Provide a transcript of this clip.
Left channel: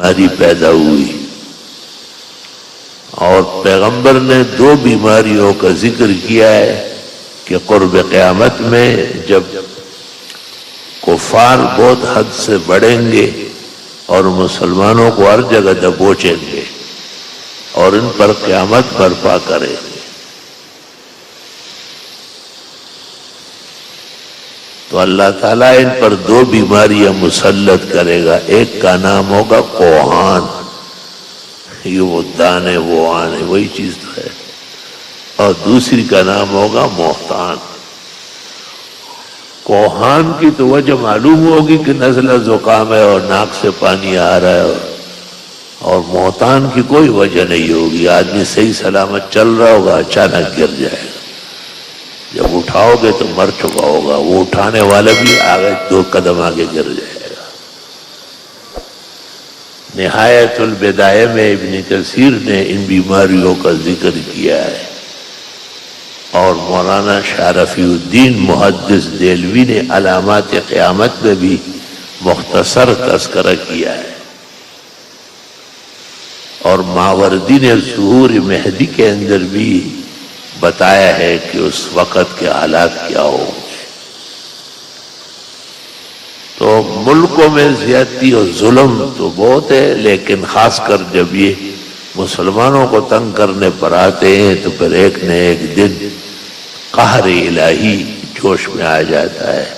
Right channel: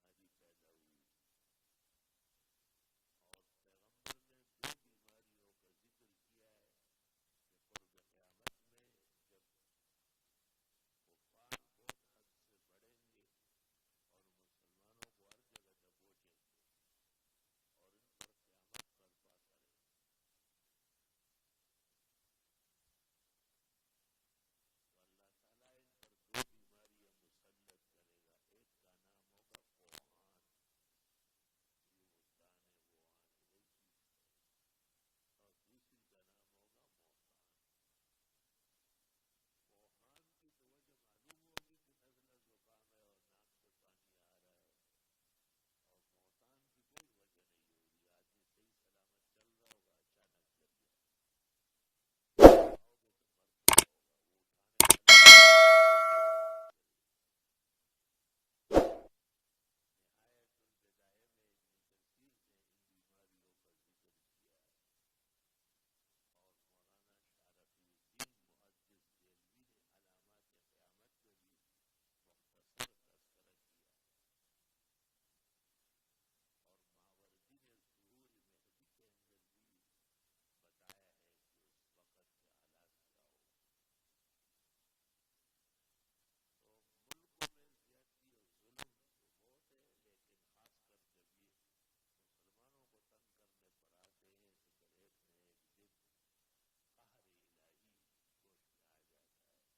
بیماری پیدا ہوئی، اور پیغمبر نے 2 بیماریوں کا ذکر کیا ہے کہ قرب قیامت میں جب کفار بہت حد سے بڑھیں گے اور مسلمانوں کو ہر جگہ دبوچیں گے اور ان پر قیامت برپا کریں گے، تو اللہ تعالیٰ ان پر 2 بیماریاں مسلط کرے گا۔ ایک کا نام ہوگا کوہان، یہ وہ دانے وہ آنے وہی چیز ہے، اور دوسری کا نام ہوگا محتان۔ کوہان کی تو وجہ معلوم ہوگی کہ نزلہ زکام ہے اور ناک سے پانی آ رہا ہے، اور محتان کی کوئی وجہ نہیں ہوگی، آدمی صحیح سلامت چل رہا ہوگا اچانک گر جائے گا، جب اٹھاؤ گے تو مر چکا ہوگا، وہ اٹھانے والا بھی آگے 2 قدم آگے گر جائے گا۔ نہایت البدایہ میں ابن کثیر نے ان بیماریوں کا ذکر کیا ہے، اور مولانا شاہ رفیع الدین محدث دہلوی نے علامات قیامت میں بھی مختصر تذکرہ کیا ہے، اور ماوردی نے ظہور مہدی کے اندر بھی بتایا ہے کہ اس وقت کے حالات کیا ہوں گے۔ تو ملکوں میں زیادتی اور ظلم تو بہت ہے، لیکن خاص کر جب یہ مسلمانوں کو تنگ کرنے پر آتے ہیں تو پھر ایک نہ ایک دن قہر الہی جوش میں آ جاتا ہے۔